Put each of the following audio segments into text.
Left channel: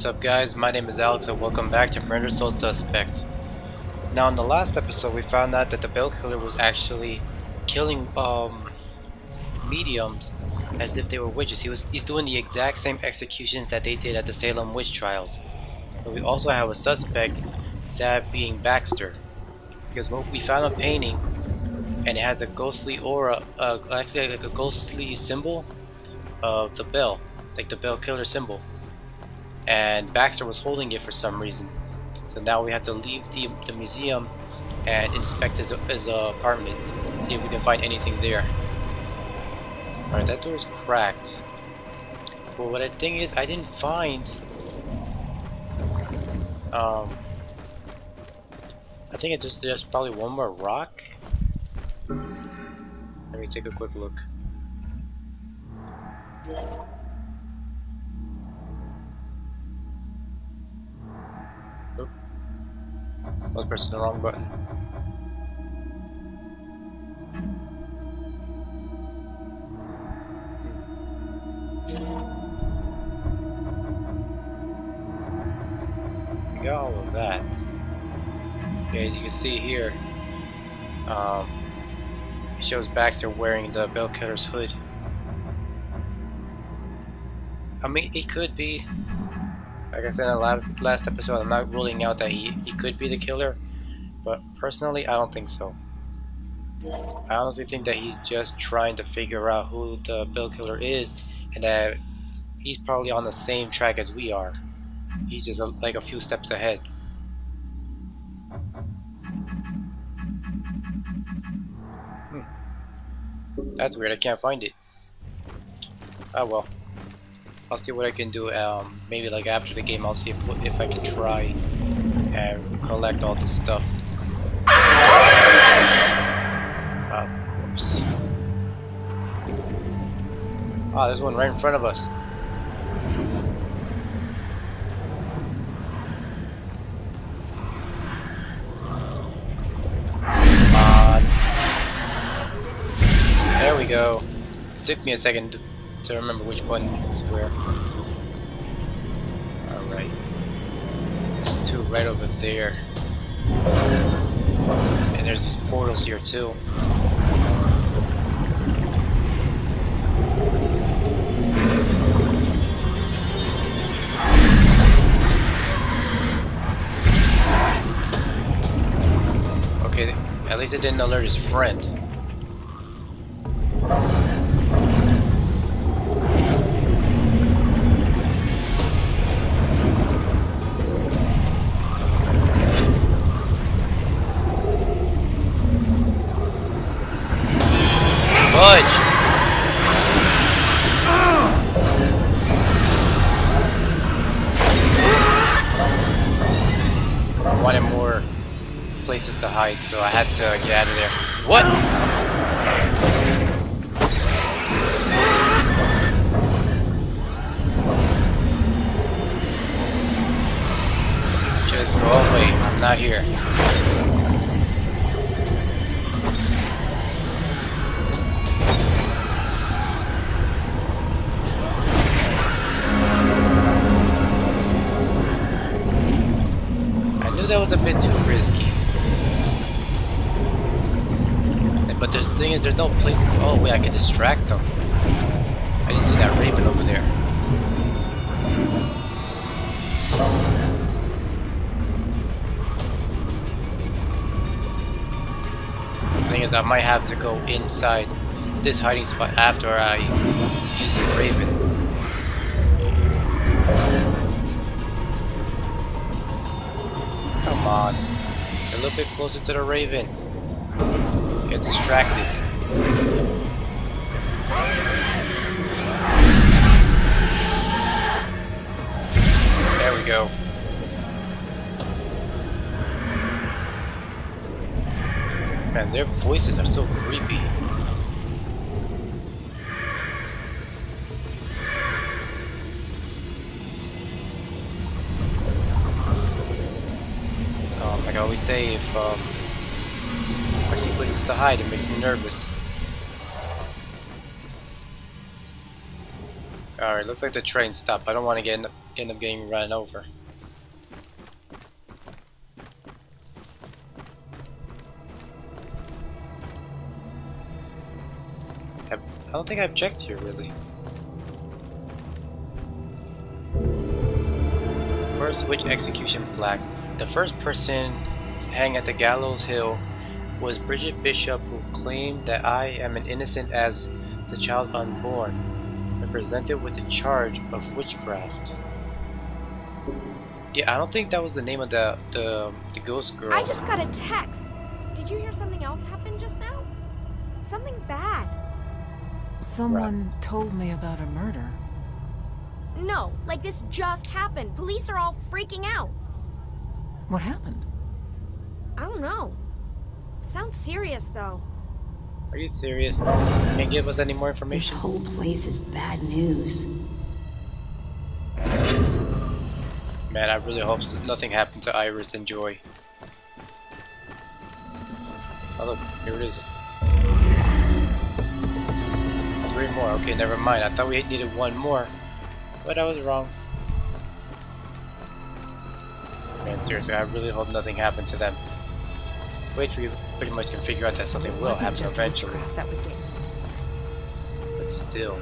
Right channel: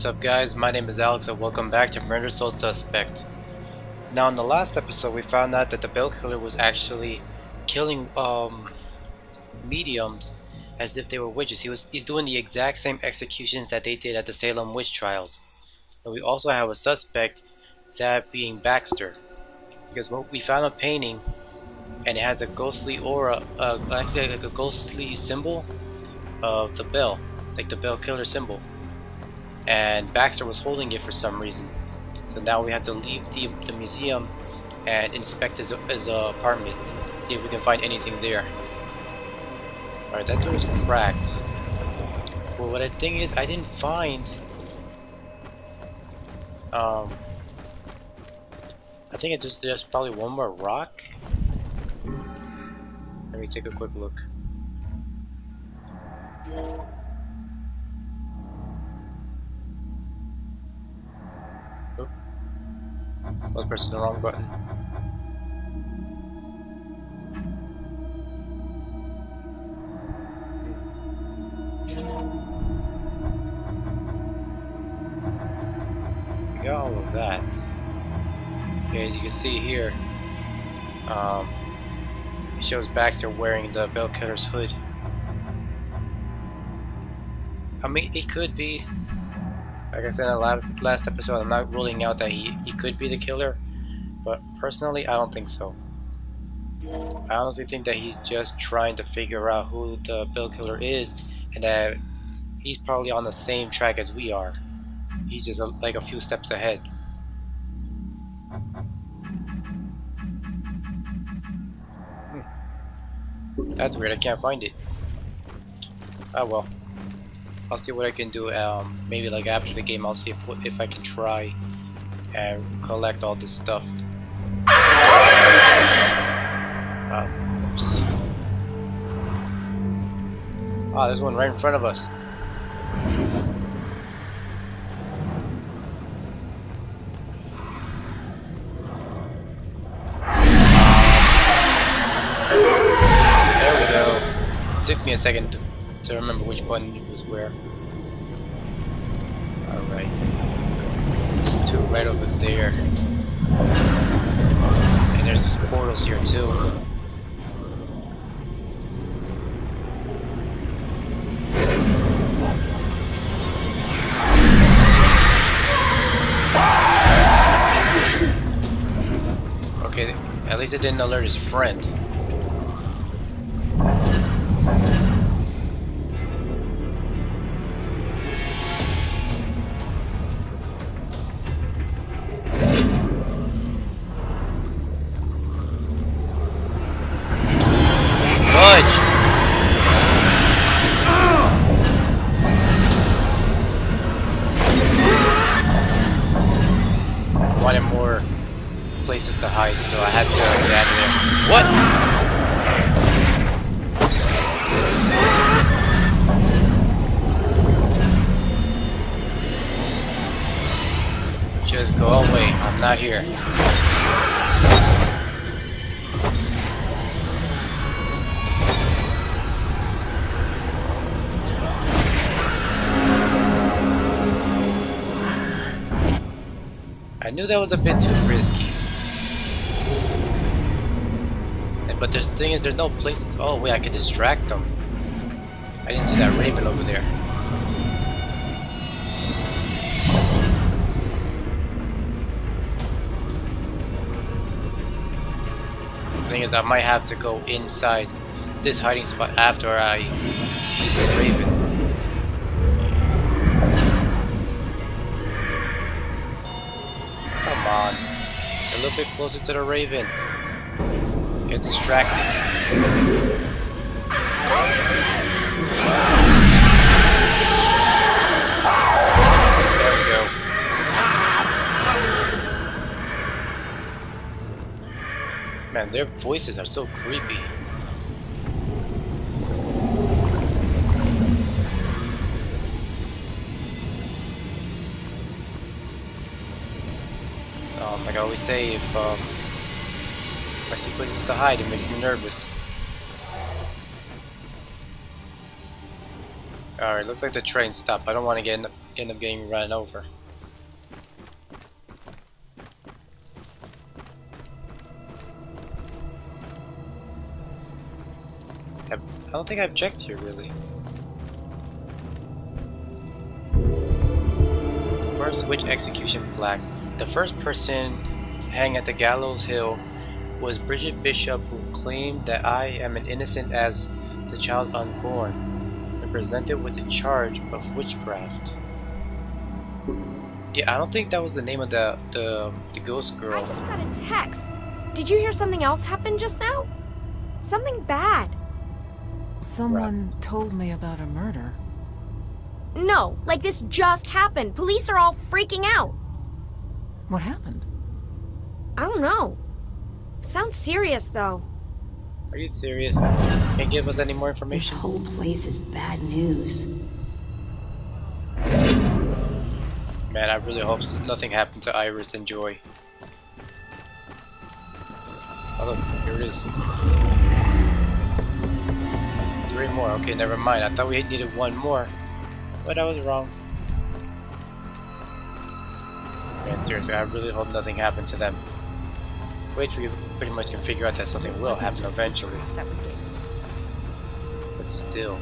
What's up guys, my name is Alex and welcome back to Murder Sold Suspect. Now in the last episode we found out that the Bell Killer was actually killing mediums as if they were witches. He's doing the exact same executions that they did at the Salem witch trials. But we also have a suspect, that being Baxter. Because we found a painting and it has a ghostly aura, actually like a ghostly symbol of the bell, like the Bell Killer symbol. And Baxter was holding it for some reason. So now we have to leave the museum and inspect his apartment, see if we can find anything there. Alright, that door is cracked. Well, what I think is I didn't find I think it's just there's probably one more rock. Let me take a quick look. Oop. I was pressing the wrong button. We got all of that. Okay, you can see here, it shows Baxter wearing the Bell Killer's hood. I mean, it could be, like I said in the last episode, I'm not ruling out that he could be the killer, but personally, I don't think so. I honestly think that he's just trying to figure out who the Bell Killer is, and that he's probably on the same track as we are. He's just like a few steps ahead. That's weird, I can't find it. Oh well. I'll see what I can do, maybe like after the game I'll see if I can try and collect all this stuff. Of course. Ah, there's one right in front of us. There we go. It took me a second to remember which button was where. Alright. There's two right over there. And there's this portals here too. Okay, at least it didn't alert his friend. I wanted more places to hide, so I had to get out of there. What? Just go away. I'm not here. I knew that was a bit too risky. But the thing is, there's no places. Oh wait, I can distract them. I didn't see that raven over there. The thing is, I might have to go inside this hiding spot after I use the raven. Come on, a little bit closer to the raven. Get distracted. There we go. Man, their voices are so creepy. Like I always say, if I see places to hide, it makes me nervous. Alright, looks like the train stopped. I don't want to get end up getting run over. I don't think I've checked here really. First witch execution plaque. The first person hanged at the gallows hill was Bridget Bishop, who claimed that I am an innocent as the child unborn, and presented with the charge of witchcraft. Yeah, I don't think that was the name of the ghost girl. I just got a text. Did you hear something else happen just now? Something bad. Someone told me about a murder. No, like this just happened. Police are all freaking out. What happened? I don't know. Sounds serious though. Are you serious? Can't give us any more This information? whole place is bad news. Man, I really hope nothing happened to Iris and Joy. Oh look, here it is. 3 more. Okay, never mind. I thought we needed 1 more. But I was wrong. Man, seriously, I really hope nothing happened to them. Which we pretty much can figure out that something will happen eventually. But still.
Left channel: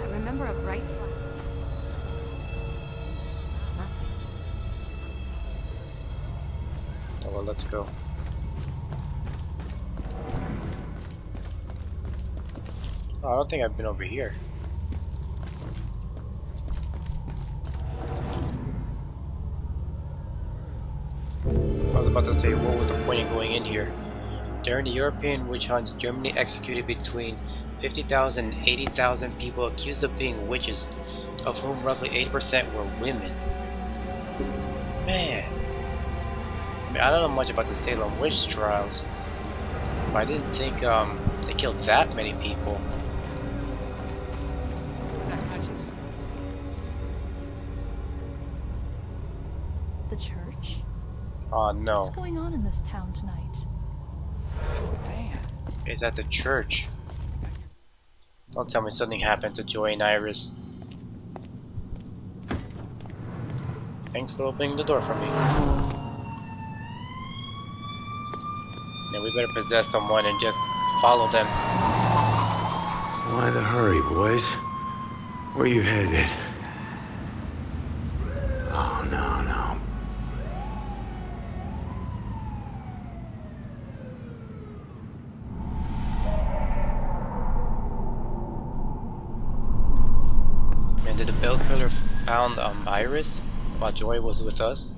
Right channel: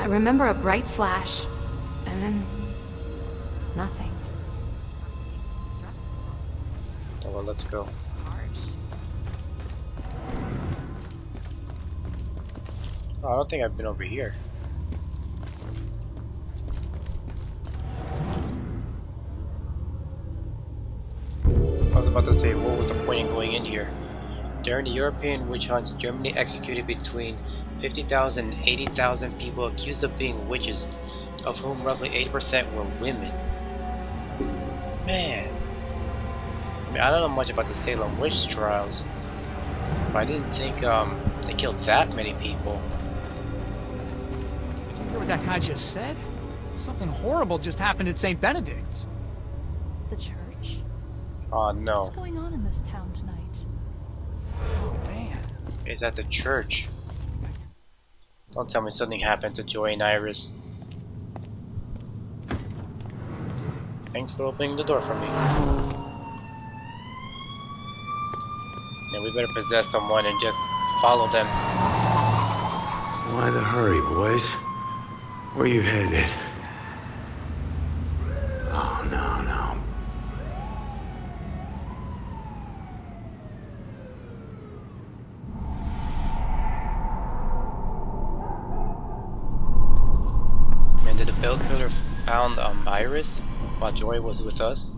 I remember a bright flash, and then nothing. Oh, well, let's go. Oh, I don't think I've been over here. I was about to say, what was the point in going in here? During the European witch hunts, Germany executed between 50,000 and 80,000 people accused of being witches, of whom roughly 80% were women. Man. I mean, I don't know much about the Salem witch trials, but I didn't think they killed that many people. Did you hear what that guy just said? Something horrible just happened at St. Benedict's. The church? Oh no. What's going on in this town tonight? Oh, man. It's at the church. Don't tell me something happened to Joy and Iris. Thanks for opening the door for me. Now we better possess someone and just follow them. Why the hurry, boys? Where you headed? Oh, no, no. Man, did the bell killer found Iris while Joy was with us?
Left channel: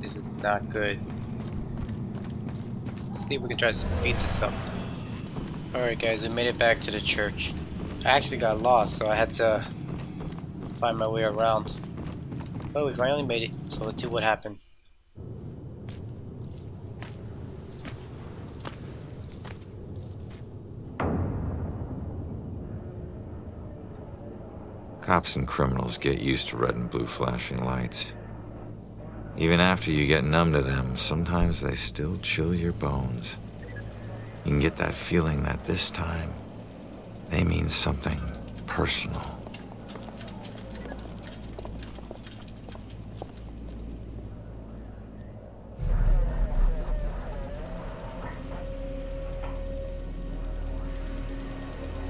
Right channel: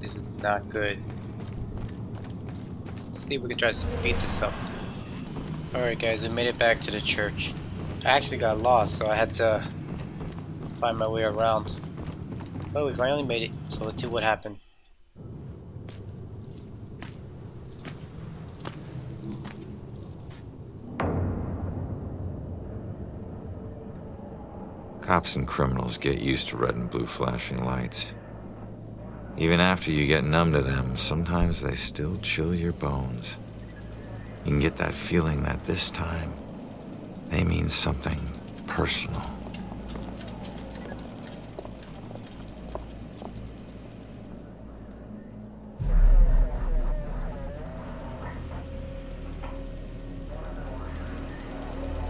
This is not good. Let's see if we can try to speed this up. Alright guys, we made it back to the church. I actually got lost, so I had to find my way around. But we finally made it, so let's see what happened. Cops and criminals get used to red and blue flashing lights. Even after you get numb to them, sometimes they still chill your bones. You can get that feeling that this time, they mean something personal.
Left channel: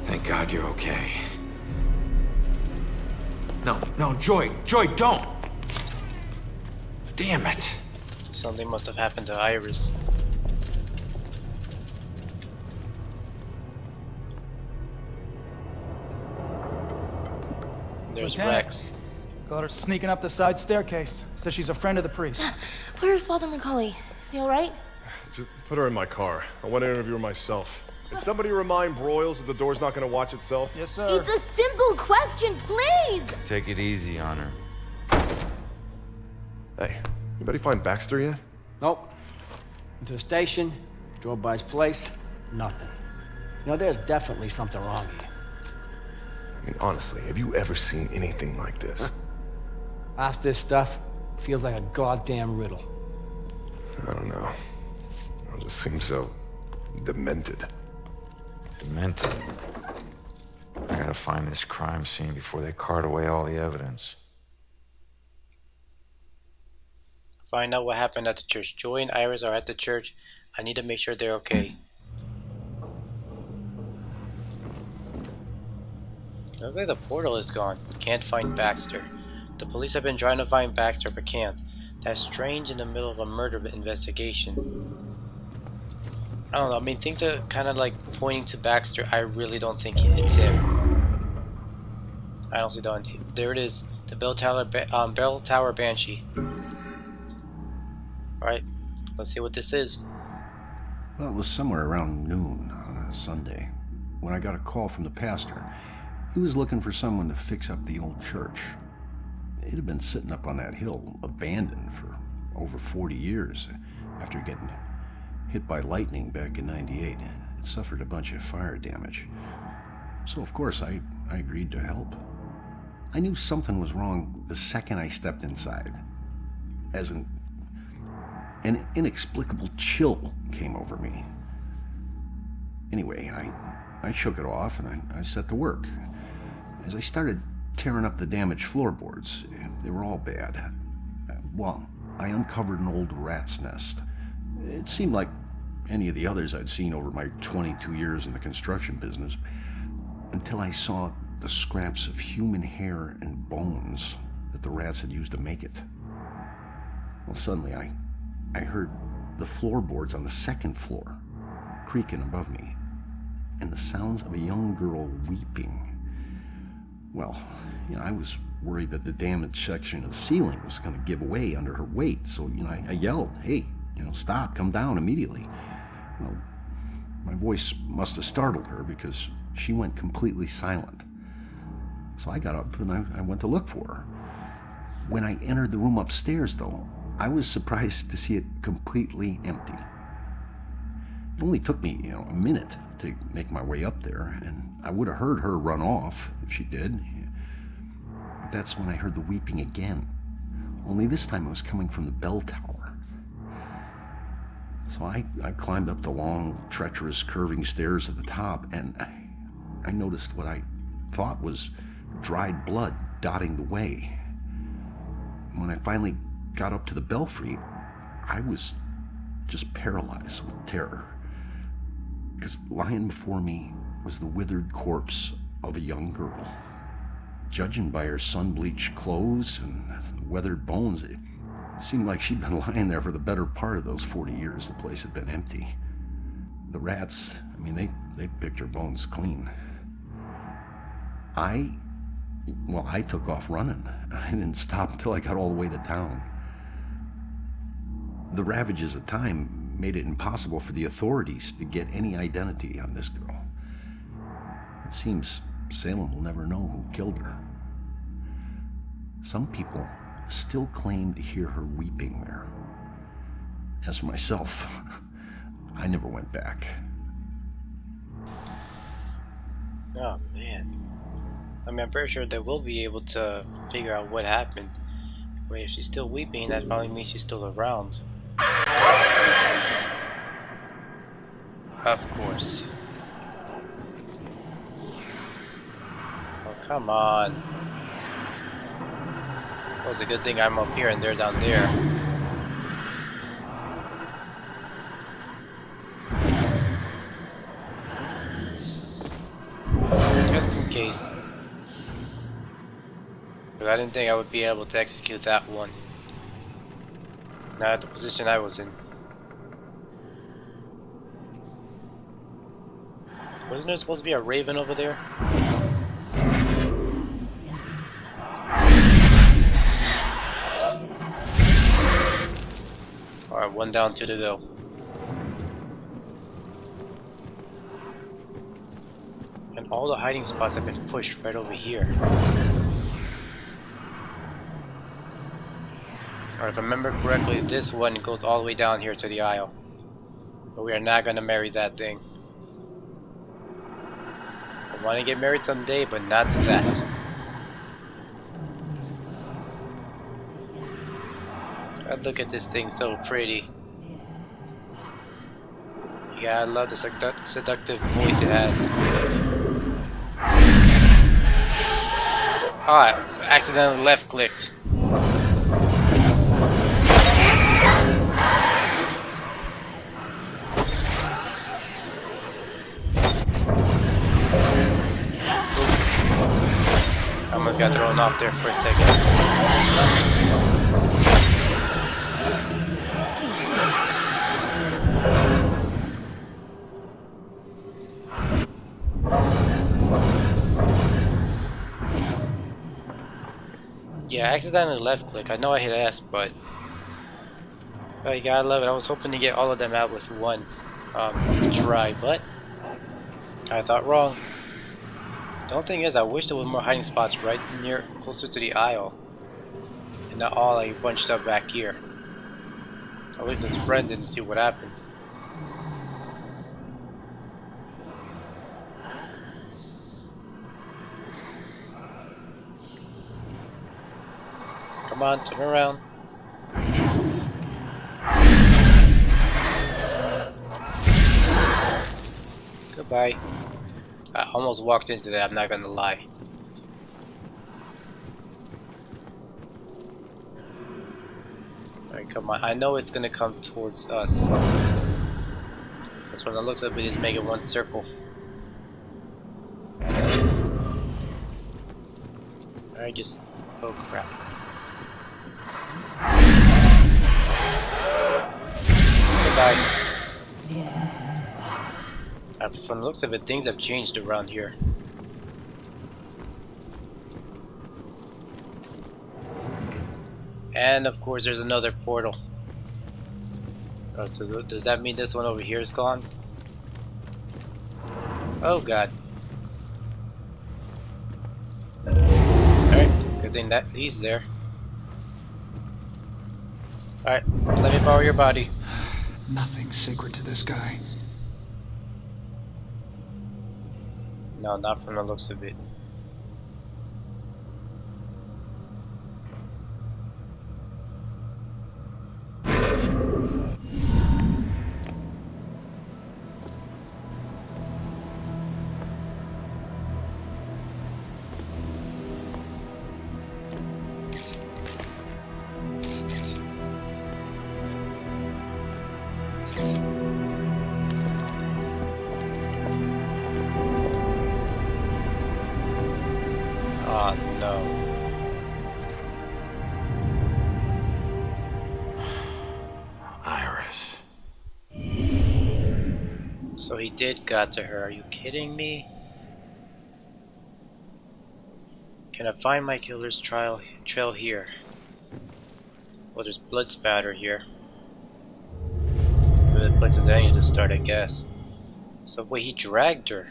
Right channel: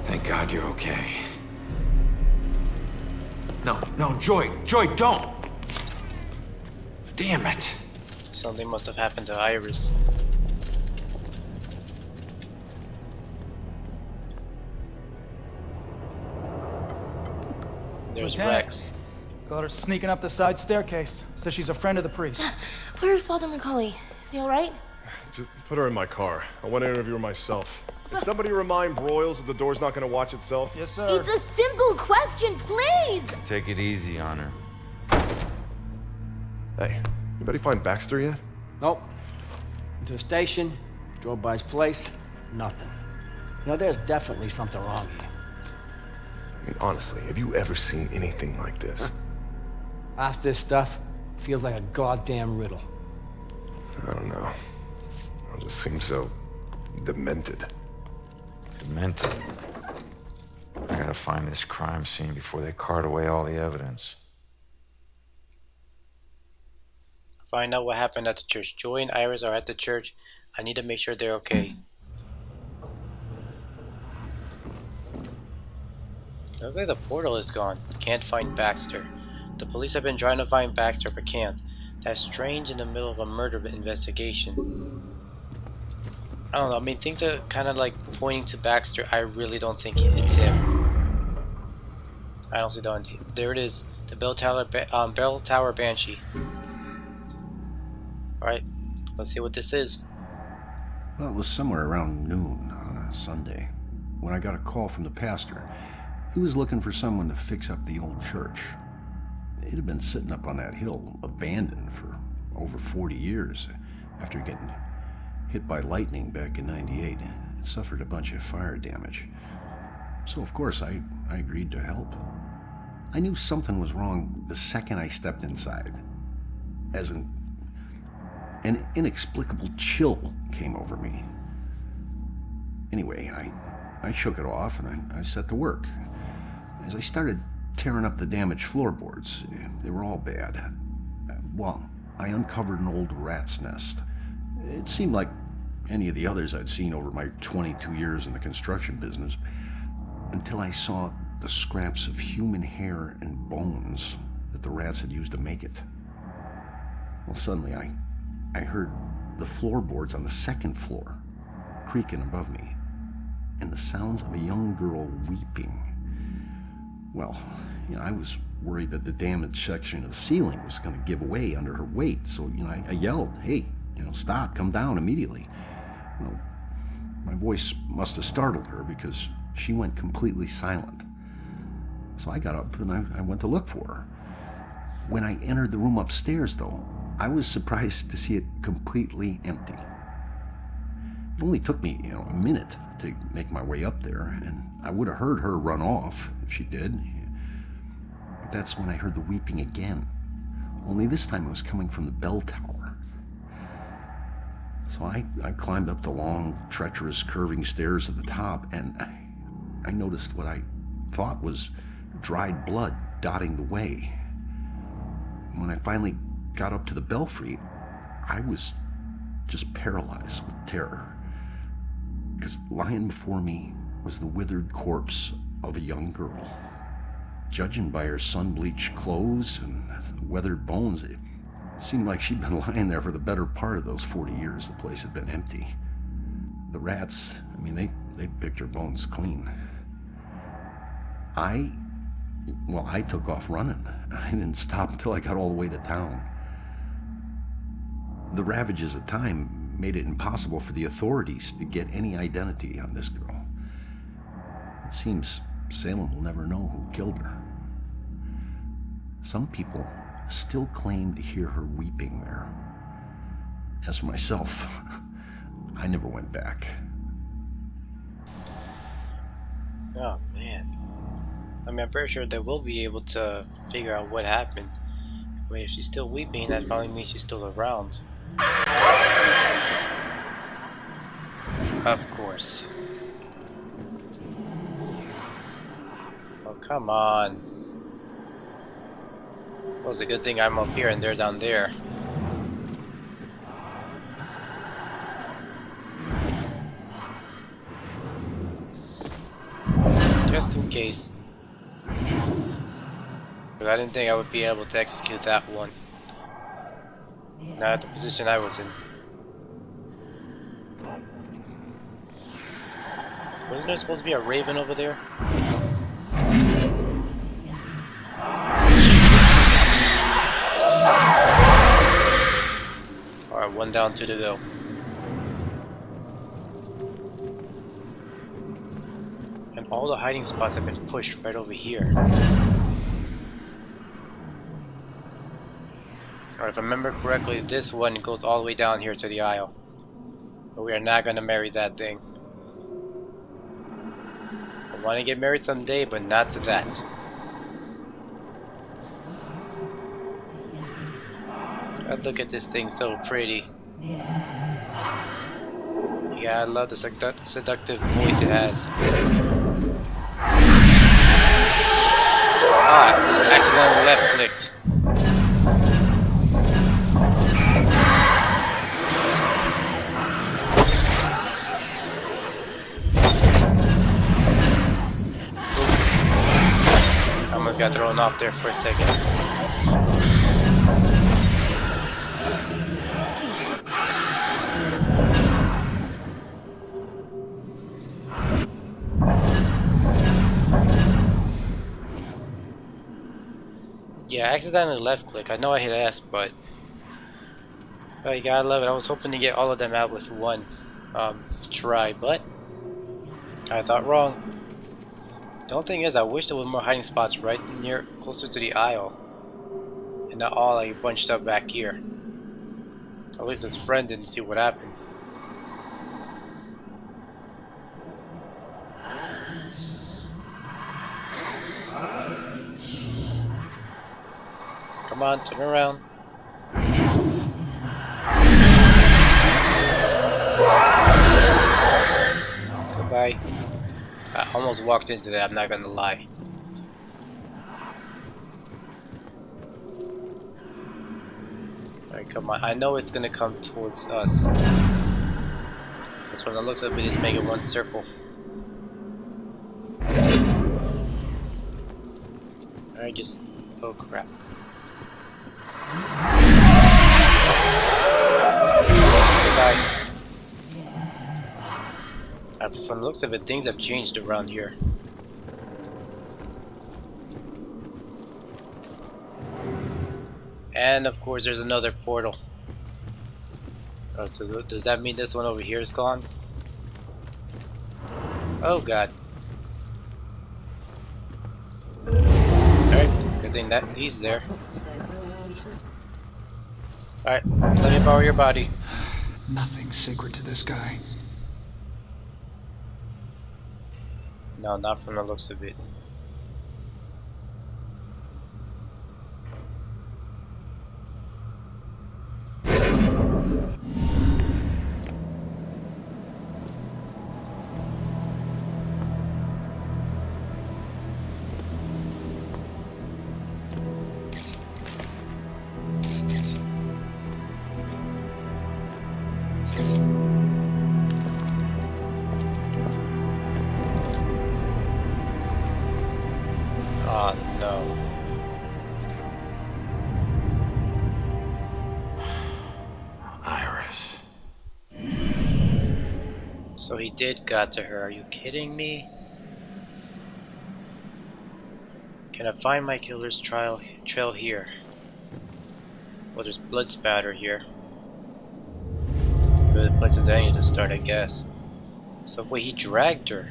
Thank God you're okay. No, Joy, don't! Damn it! Something must have happened to Iris. There's Lieutenant. Rex. Caught her sneaking up the side staircase. Says she's a friend of the priest. Where's Father Macaulay? Is he alright? Just put her in my car. I want to interview her myself. Can somebody remind Broyles that the door's not going to watch itself? Yes, sir. It's a simple question, please! Take it easy on her. Hey, anybody find Baxter yet? Nope. Went to the station, drove by his place, nothing. You know, there's definitely something wrong here. I mean, honestly, have you ever seen anything like this? Half this stuff feels like a goddamn riddle. I don't know. It just seems so demented. Demented. I gotta find this crime scene before they cart away all the evidence. Find out what happened at the church. Joey and Iris are at the church. I need to make sure they're okay. Looks like the portal is gone. Can't find Baxter. The police have been trying to find Baxter but can't. That's strange in the middle of a murder investigation. I don't know, I mean things are kind of like pointing to Baxter. I really don't think it's him. I honestly don't. There it is. The Bell Tower Banshee. Alright, let's see what this is. Well, it was somewhere around noon on a Sunday when I got a call from the pastor. He was looking for someone to fix up the old church. It had been sitting up on that hill, abandoned for over 40 years. After getting hit by lightning back in '98, it suffered a bunch of fire damage. So, of course, I agreed to help. I knew something was wrong the second I stepped inside. As an inexplicable chill came over me. Anyway, I shook it off and I set to work. As I started tearing up the damaged floorboards, they were all bad. Well, I uncovered an old rat's nest. It seemed like any of the others I'd seen over my 22 years in the construction business, until I saw the scraps of human hair and bones that the rats had used to make it. Well, suddenly I heard the floorboards on the second floor creaking above me, and the sounds of a young girl weeping. Well, I was worried that the damaged section of the ceiling was going to give way under her weight, so, I yelled, "Hey, stop, come down immediately." Well, my voice must have startled her because she went completely silent. So I got up and I went to look for her. When I entered the room upstairs, though, I was surprised to see it completely empty. It only took me, a minute to make my way up there, and I would have heard her run off if she did. But that's when I heard the weeping again. Only this time it was coming from the bell tower. So I climbed up the long, treacherous, curving stairs at the top, and I noticed what I thought was dried blood dotting the way. When I finally got up to the belfry, I was just paralyzed with terror. Because lying before me was the withered corpse of a young girl. Judging by her sun-bleached clothes and weathered bones, it seemed like she'd been lying there for the better part of those 40 years the place had been empty. The rats, they picked her bones clean. I took off running. I didn't stop until I got all the way to town. The ravages of time made it impossible for the authorities to get any identity on this girl. It seems Salem will never know who killed her. Some people still claim to hear her weeping there. As for myself, I never went back. Oh man. I'm pretty sure they will be able to figure out what happened. But if she's still weeping, that probably means she's still around. Of course. Oh, come on. Well, it's a good thing I'm up here and they're down there. Just in case. But I didn't think I would be able to execute that one. Not at the position I was in. Wasn't there supposed to be a raven over there? Alright, one down, two to go. And all the hiding spots have been pushed right over here. Or if I remember correctly, this one goes all the way down here to the aisle. But we are not going to marry that thing. I want to get married someday, but not to that. God, look at this thing, so pretty. You Yeah, I love the seductive voice it has. Ah, I accidentally left clicked. I almost got thrown off there for a second. Yeah, I accidentally left click. I know I hit S, but oh, you gotta love it. I was hoping to get all of them out with one try, but I thought wrong. The only thing is, I wish there were more hiding spots right near, closer to the aisle, and not all like bunched up back here. At least his friend didn't see what happened. Come on, turn around. Goodbye. I almost walked into that, I'm not gonna lie. Alright, come on. I know it's gonna come towards us. Because from the looks of it, it's making one circle. Alright, just... oh crap. Goodbye. From the looks of it, things have changed around here. And of course there's another portal. Oh, so does that mean this one over here is gone? Oh god. Alright, good thing that he's there. Alright, let me borrow your body. Nothing's sacred to this guy. No, not from the looks of it. Oh no. Iris. So he did got to her. Are you kidding me? Can I find my killer's trail here? Well, there's blood spatter here. Good place as any to start, I guess. So wait, he dragged her.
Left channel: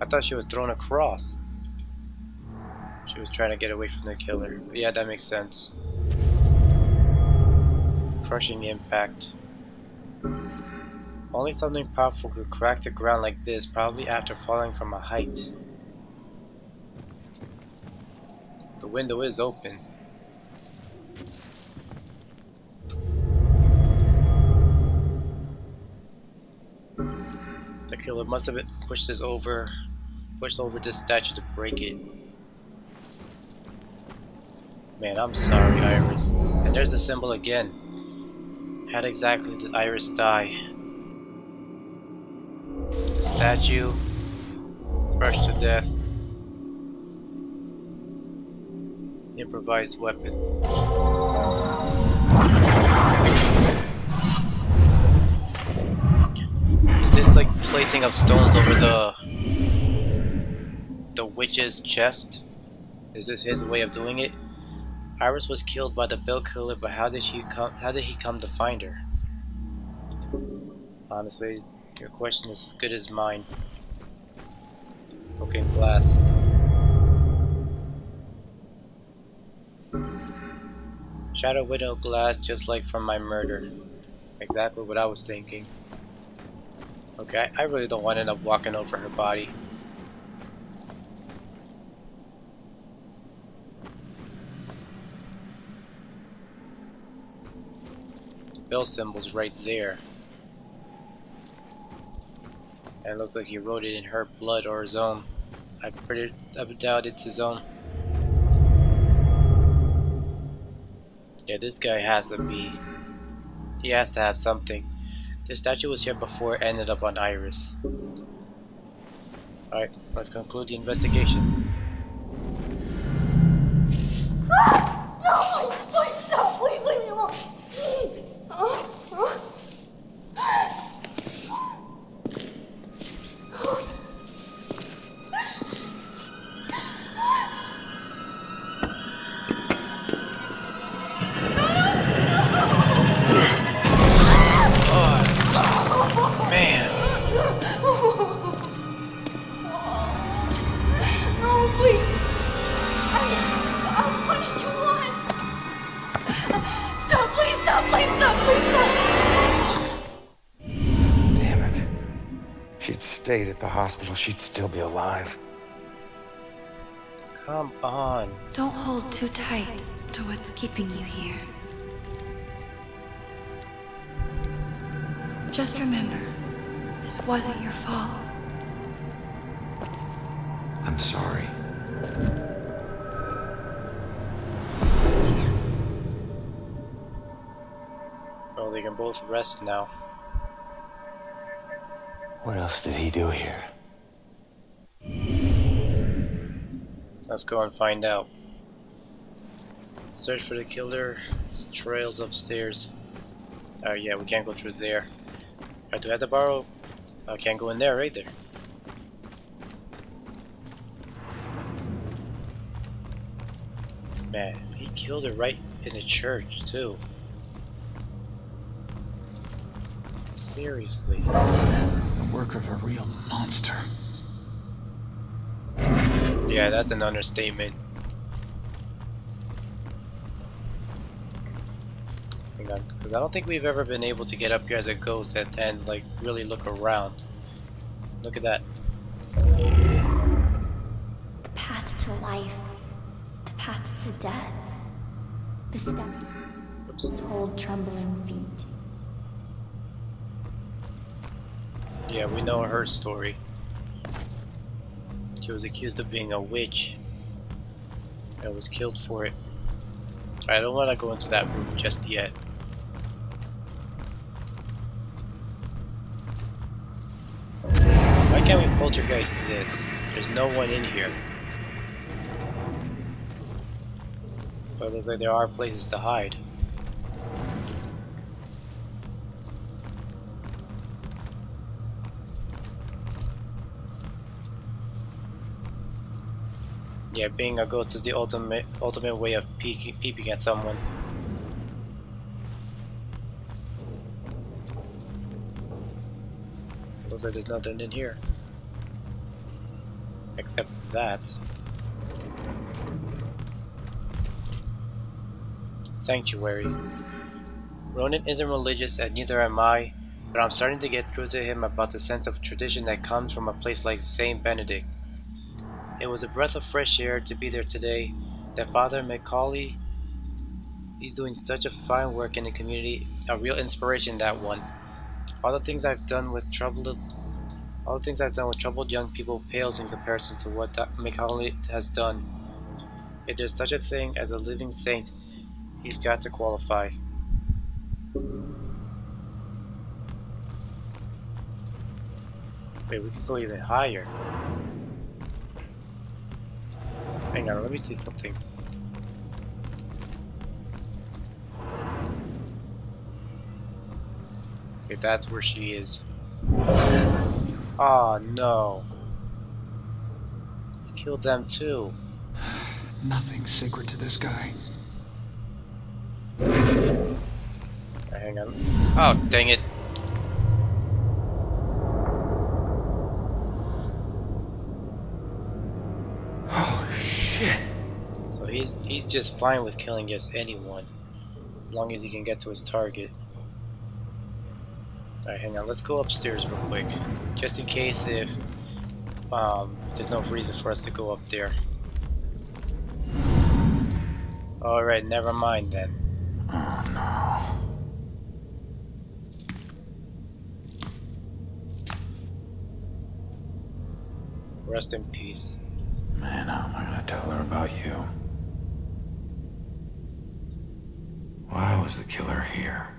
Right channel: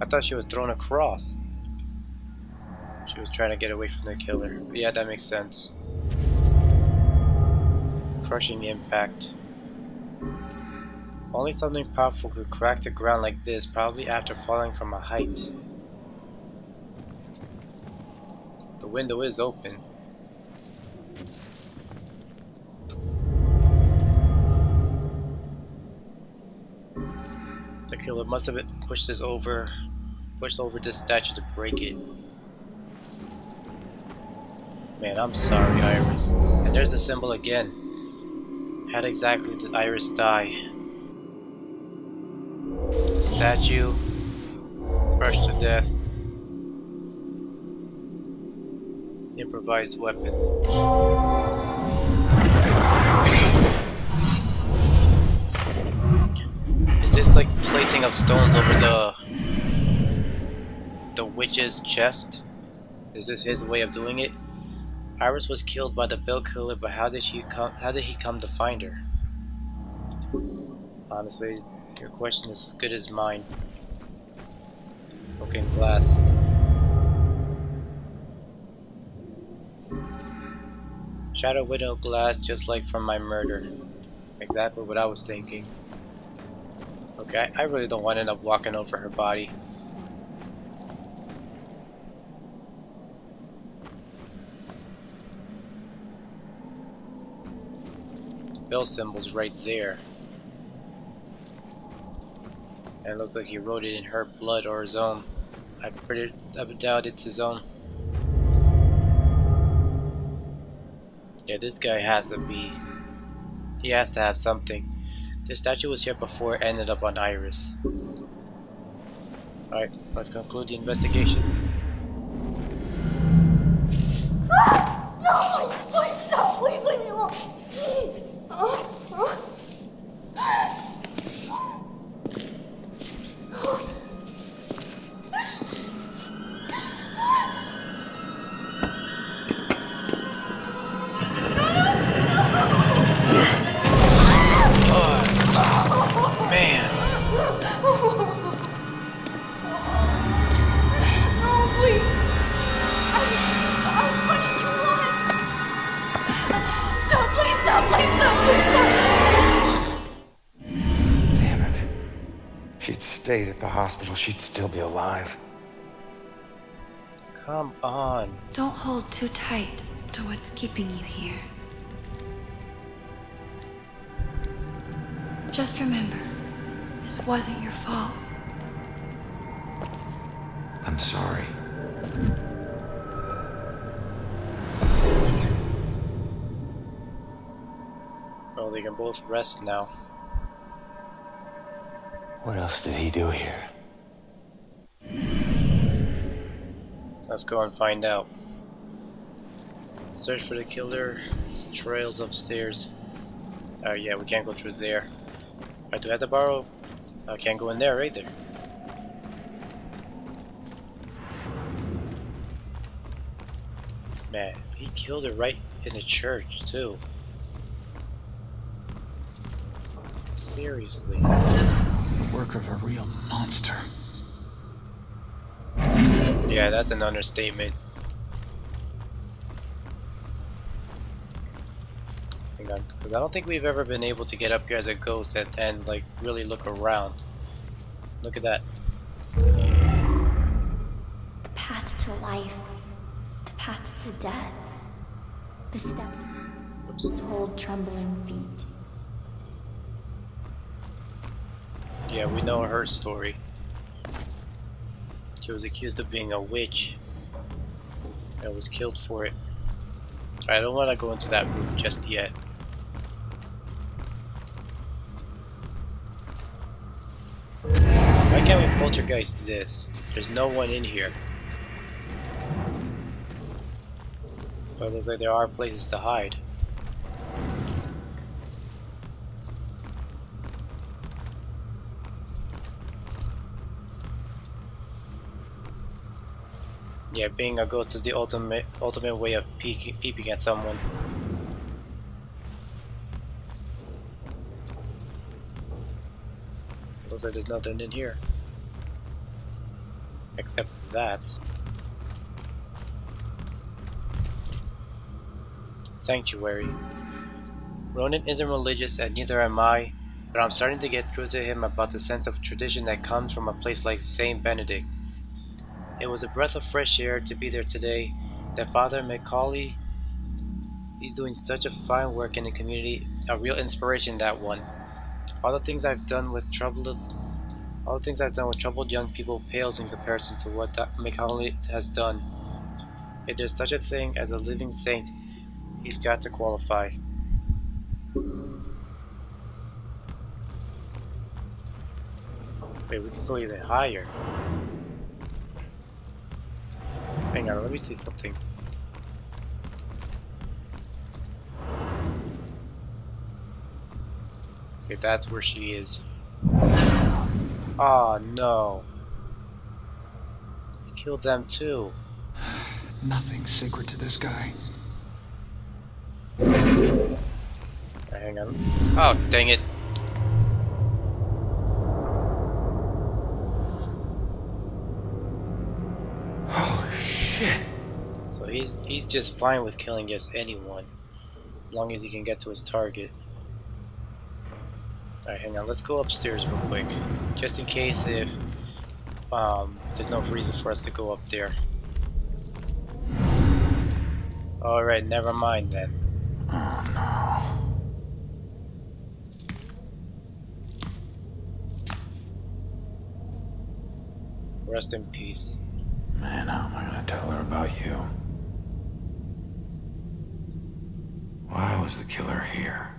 I thought she was thrown across. She was trying to get away from the killer. But yeah, that makes sense. Crushing impact. Only something powerful could crack the ground like this, probably after falling from a height. The window is open. The killer must have pushed over this statue to break it. Man, I'm sorry, Iris. And there's the symbol again. How exactly did Iris die? Statue. Crushed to death. Improvised weapon. Is this like placing of stones over the witch's chest? Is this his way of doing it? Iris was killed by the bill killer, but how did he come to find her? Honestly, your question is as good as mine. Broken glass. Shadow window glass, just like from my murder. Exactly what I was thinking. Okay, I really don't want to end up walking over her body. Bell symbol's right there. And it looks like he wrote it in her blood or his own. I doubt it's his own. Yeah, this guy has to be. He has to have something. The statue was here before, ended up on Iris. Alright, let's conclude the investigation. No, please stop. Please leave me alone. Please. Man. No, please. What do you want? Stop, please stop, please stop, please stop. Damn it. She'd stayed at the hospital, she'd still be alive. Come on. Don't hold too tight to what's keeping you here. Just remember, this wasn't your fault. I'm sorry. Well, they can both rest now. What else did he do here? Let's go and find out. Search for the killer. Trails upstairs. Oh yeah, we can't go through there. I do have to borrow. I can't go in there either. Man, he killed her right in the church too. Seriously. The work of a real monster. Yeah, that's an understatement. Hang on, because I don't think we've ever been able to get up here as a ghost and like really look around. Look at that. The path to life, the path to death. The steps hold trembling feet. Yeah, we know her story. She was accused of being a witch and was killed for it. I don't want to go into that room just yet. Why can't we poltergeist this? There's no one in here. But it looks like there are places to hide. Yeah, being a ghost is the ultimate way of peeping at someone. Looks like there's nothing in here. Except that. Sanctuary. Ronan isn't religious and neither am I, but I'm starting to get through to him about the sense of tradition that comes from a place like St. Benedict. It was a breath of fresh air to be there today. That Father Macaulay, he's doing such a fine work in the community. A real inspiration, that one. All the things I've done with troubled young people pales in comparison to what Macaulay has done. If there's such a thing as a living saint, he's got to qualify. Wait, we can go even higher. Hang on, let me see something. Okay, that's where she is. Oh no. He killed them too. Nothing sacred to this guy. Hang on. Oh, dang it. Shit. So he's just fine with killing just anyone, as long as he can get to his target. Alright, hang on, let's go upstairs real quick, just in case if there's no reason for us to go up there. Alright, never mind then. Oh no. Rest in peace. Man, how am I gonna tell her about you? Why was the killer here?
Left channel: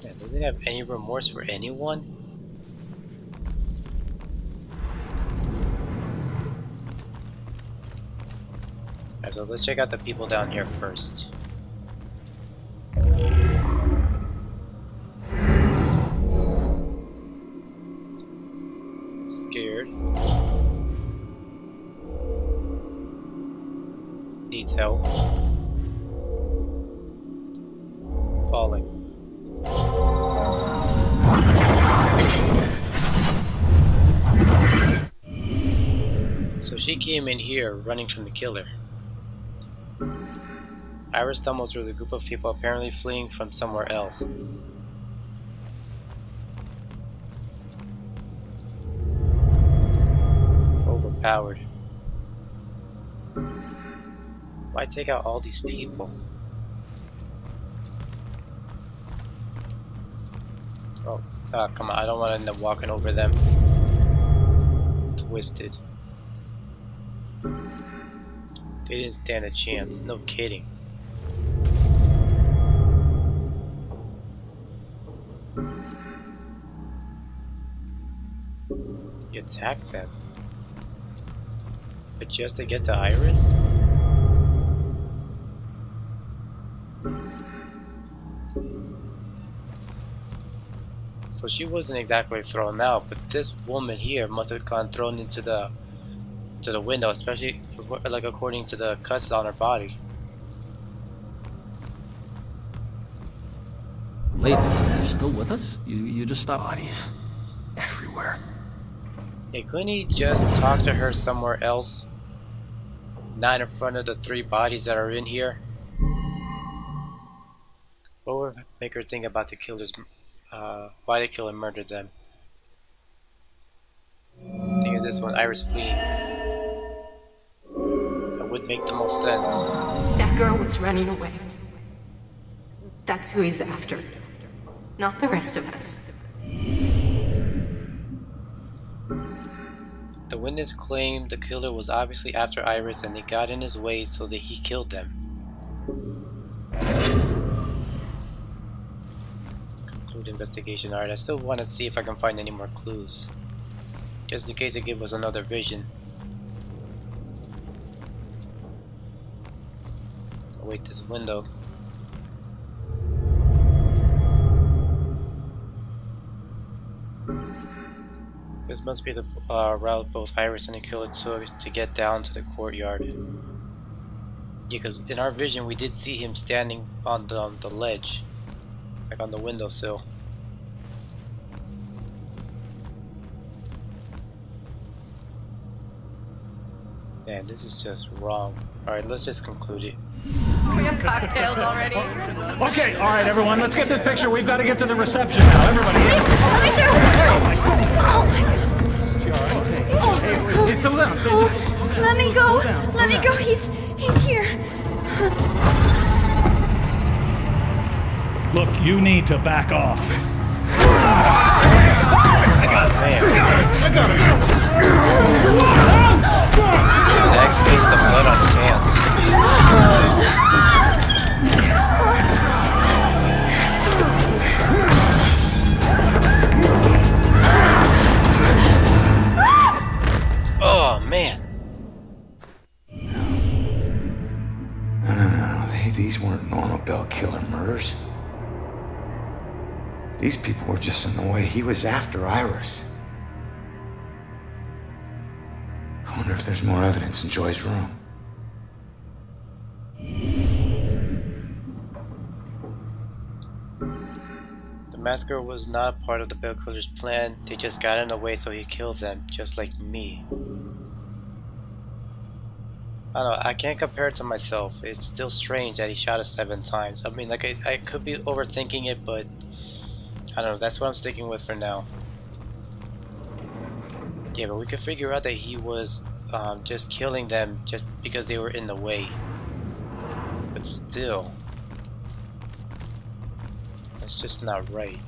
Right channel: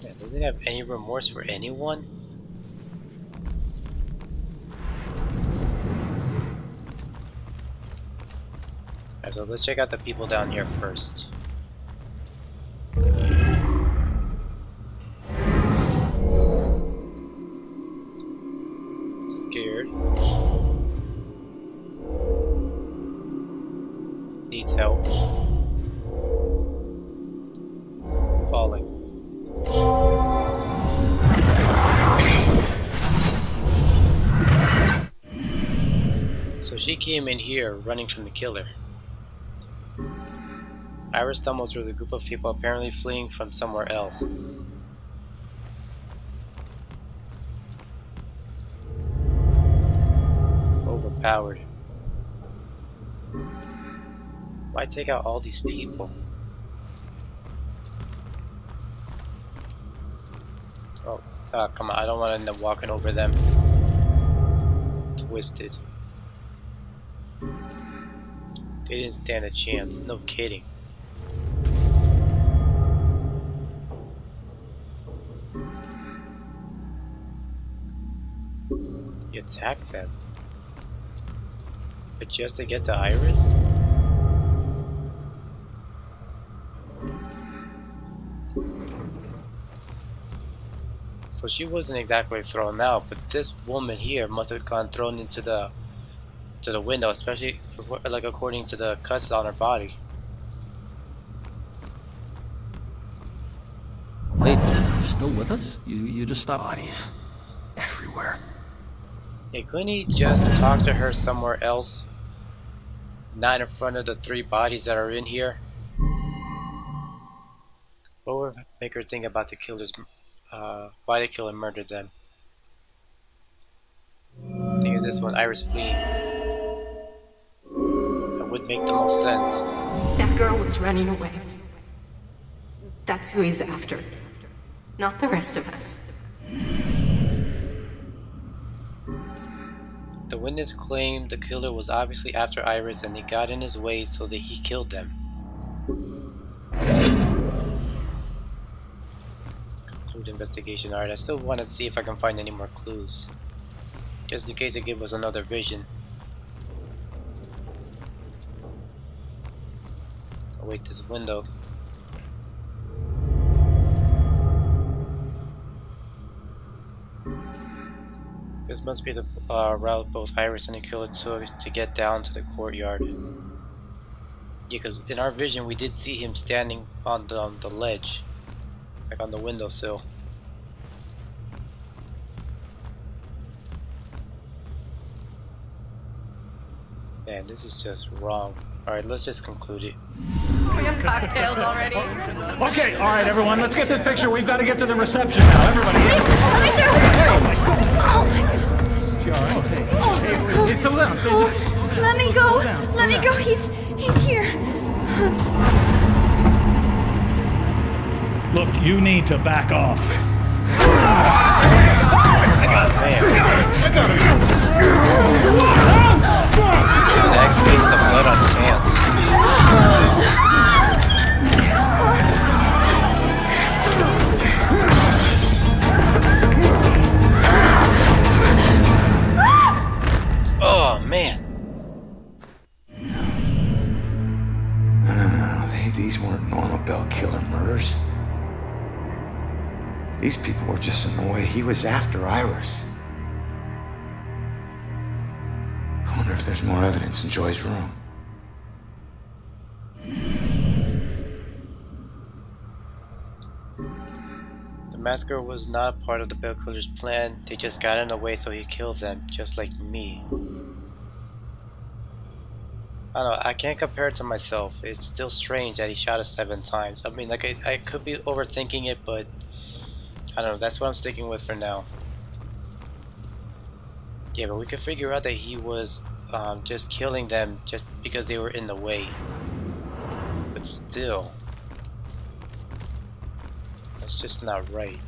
Yeah, doesn't he have any remorse for anyone? Alright, so let's check out the people down here first. Scared. Needs help. Falling. So she came in here running from the killer. Iris stumbled through the group of people apparently fleeing from somewhere else. Overpowered. Why take out all these people? Oh, come on, I don't want to end up walking over them. Twisted. They didn't stand a chance, no kidding. You attacked them. But just to get to Iris? So she wasn't exactly thrown out, but this woman here must have gone thrown into the window, especially like according to the cuts on her body. Wait, you're still with us? You just stopped. Bodies everywhere. Hey, couldn't he just talk to her somewhere else? Not in front of the 3 bodies that are in here? What would make her think about the killers? Why the killer murdered them? Think of this one, Iris fleeing. That would make the most sense. That girl was running away. That's who he's after. Not the rest of us. The witness claimed the killer was obviously after Iris and they got in his way so that he killed them. Conclude investigation. Alright, I still want to see if I can find any more clues. Just in case it gives us another vision. Oh wait, this window. This must be the route both Iris and the killer took to get down to the courtyard. Yeah, because in our vision we did see him standing on the ledge, like on the windowsill. Man, this is just wrong. Alright, let's just conclude it. We have cocktails already. Okay, all right, everyone, let's get this picture. We've got to get to the reception now. Everybody. Let me through. Oh my God. Oh my God. She all right? Hey, settle down. Let me go. Let me go. He's here. Look, you need to back off. That explains the blood on his hands. Oh man. No, these weren't normal Bell killer murders. These people were just in the way. He was after Iris. I wonder if there's more evidence in Joy's room. The massacre was not part of the Bell killer's plan. They just got in the way so he killed them, just like me. I don't know, I can't compare it to myself. It's still strange that he shot us 7 times. I mean, like, I could be overthinking it, but I don't know, that's what I'm sticking with for now. Yeah, but we could figure out that he was just killing them just because they were in the way. But still, that's just not right.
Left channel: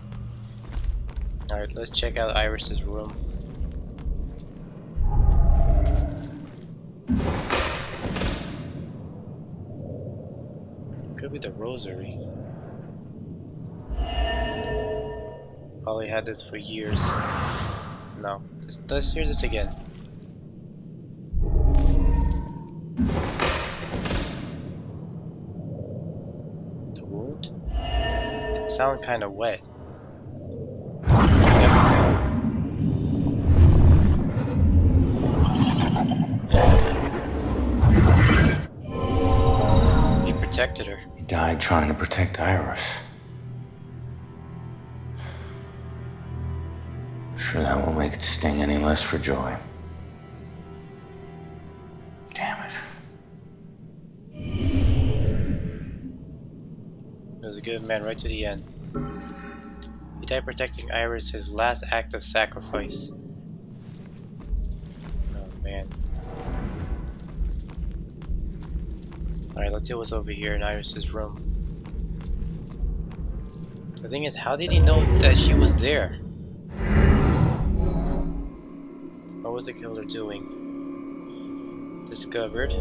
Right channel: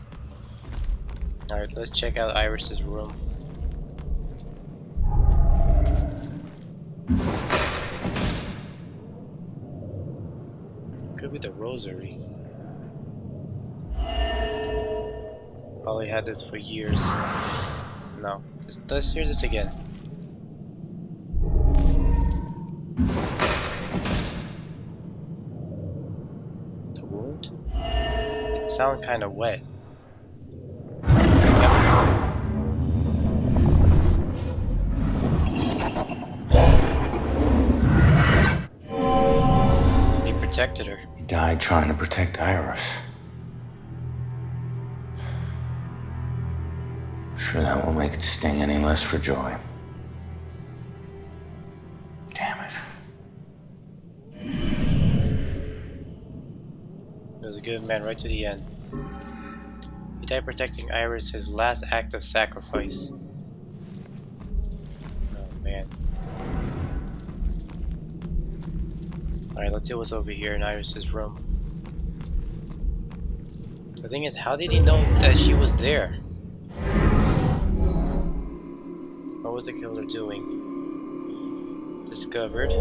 Alright, let's check out Iris's room. Could be the rosary. Probably had this for years. No. Let's hear this again. The wound? It sounds kind of wet. Yep. He protected her. He died trying to protect Iris. Sure that won't make it sting any less for Joy. Damn it. He was a good man right to the end. He died protecting Iris, his last act of sacrifice. Oh man. Alright, let's see what's over here in Iris's room. The thing is, how did he know that she was there? What was the killer doing? Discovered.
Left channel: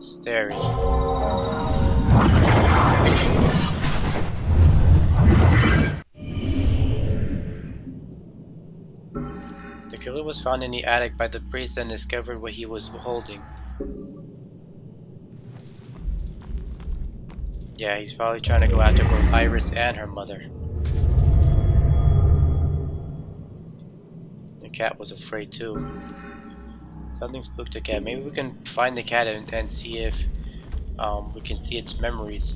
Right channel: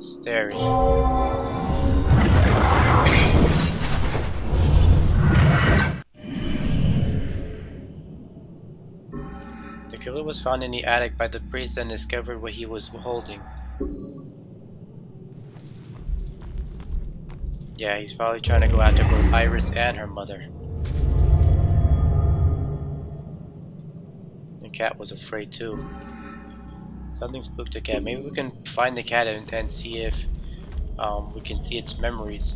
Staring. The killer was found in the attic by the priest and discovered what he was holding. Yeah, he's probably trying to go after both Iris and her mother. The cat was afraid too. Something spooked the cat. Maybe we can find the cat and see if we can see its memories.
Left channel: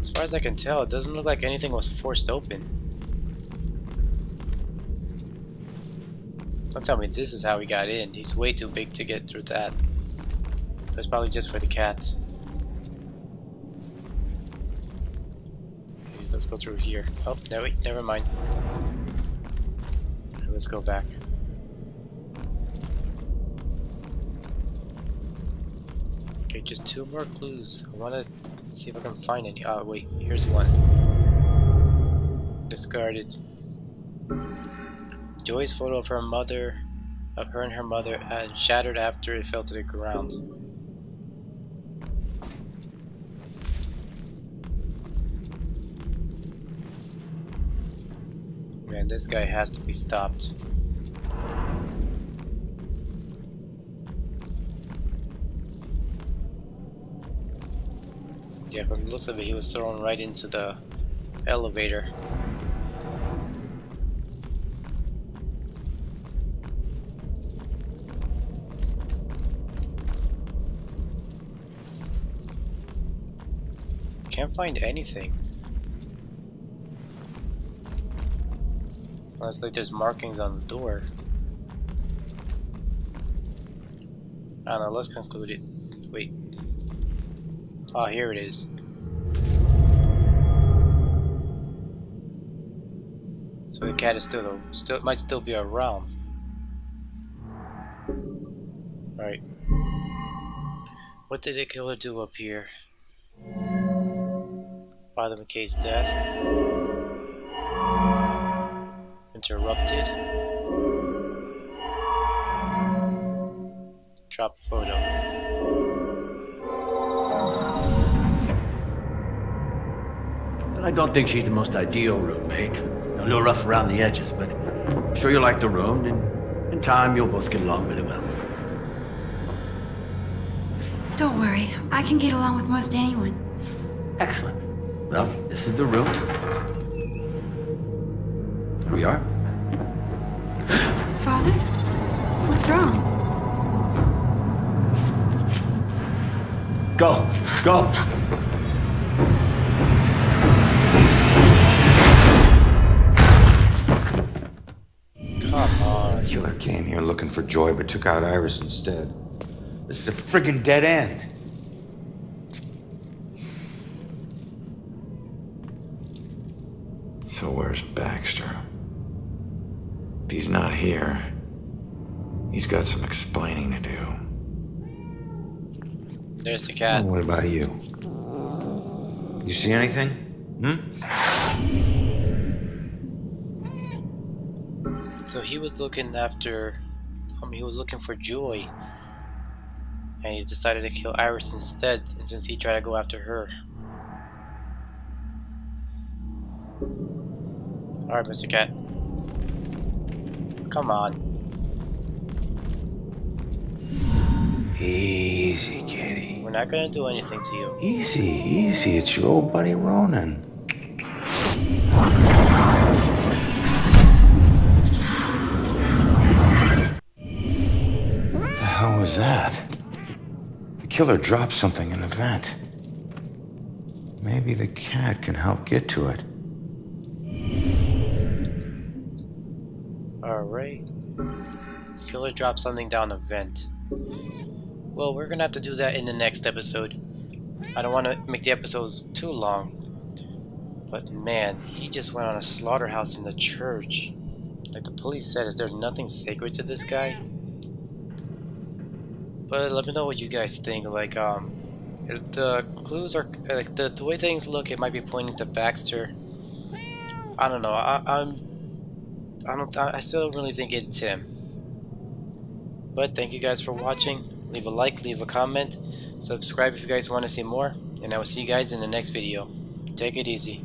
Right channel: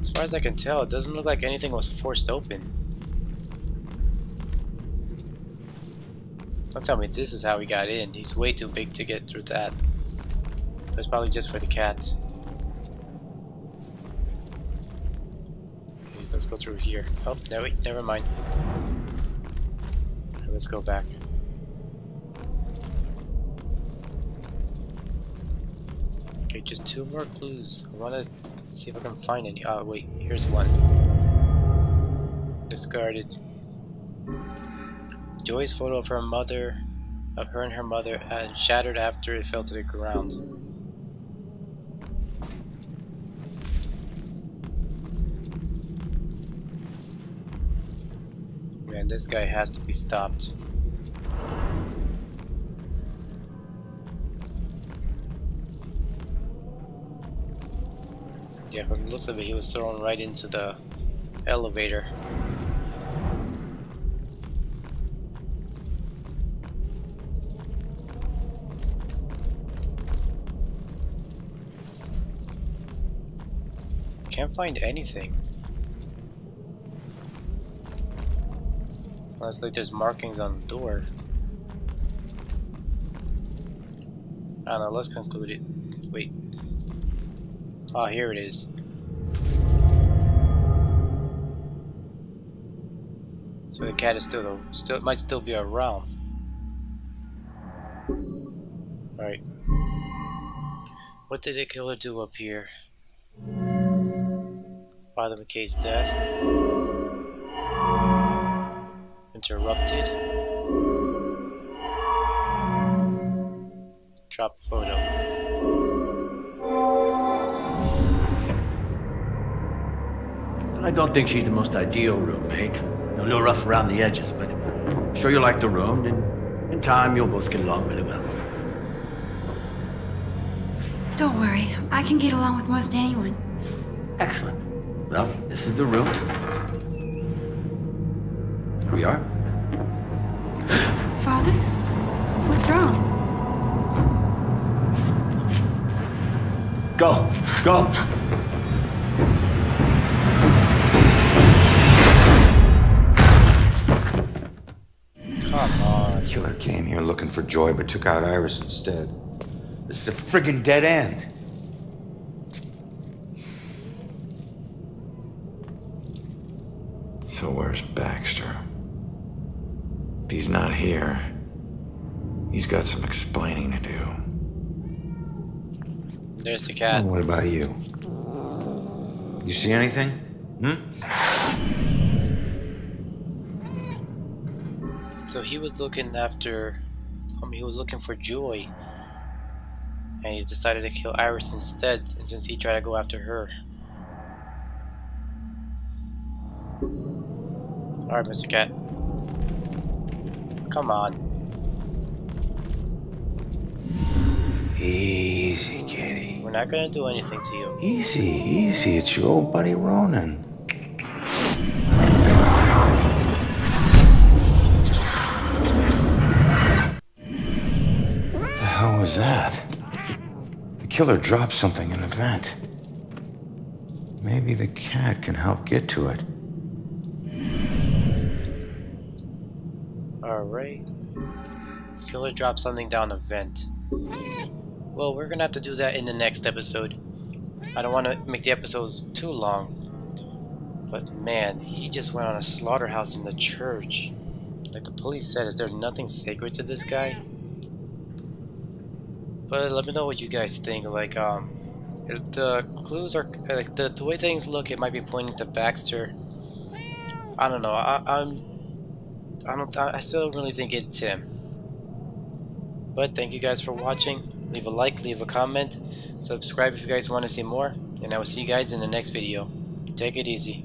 As far as I can tell, it doesn't look like anything was forced open. Don't tell me this is how he got in. He's way too big to get through that. That's probably just for the cat. Okay, let's go through here. Oh, no, wait, never mind. Okay, let's go back. Okay, just 2 more clues. I want to see if I can find any. Oh, wait, here's one. Discarded. Joy's photo of her and her mother, shattered after it fell to the ground. Man, this guy has to be stopped. Yeah, from the looks of it, he was thrown right into the elevator. Can't find anything. Well, it's like there's markings on the door. I don't know, let's conclude it. Wait. Oh, here it is. So the cat is still might still be around. Alright. What did the killer do up here? Father McKay's death. Interrupted. Drop photo. Well, I don't think she's the most ideal roommate. A little rough around the edges, but I'm sure you'll like the room, and in time you'll both get along really well. Don't worry, I can get along with most anyone. Excellent. Well, this is the room. Here we are. Father? What's wrong? Go! Go! Come on. The killer came here looking for Joy, but took out Iris instead. This is a friggin' dead end. So where's Baxter? If he's not here, he's got some explaining to do. There's the cat. What about you? You see anything? So he was looking after, he was looking for Joy, and he decided to kill Iris instead, and since he tried to go after her. Alright, Mr. Cat. Come on. Easy, kitty. We're not gonna do anything to you. Easy, easy. It's your old buddy Ronan. What the hell was that? The killer dropped something in the vent. Maybe the cat can help get to it. Alright. Killer dropped something down a vent. Well, we're gonna have to do that in the next episode. I don't want to make the episodes too long. But man, he just went on a slaughterhouse in the church. Like the police said, is there nothing sacred to this guy? But let me know what you guys think. Like, if the clues are like the way things look, it might be pointing to Baxter. I don't know. I still don't really think it's him. But thank you guys for watching. Leave a like, leave a comment, subscribe if you guys want to see more, and I will see you guys in the next video. Take it easy.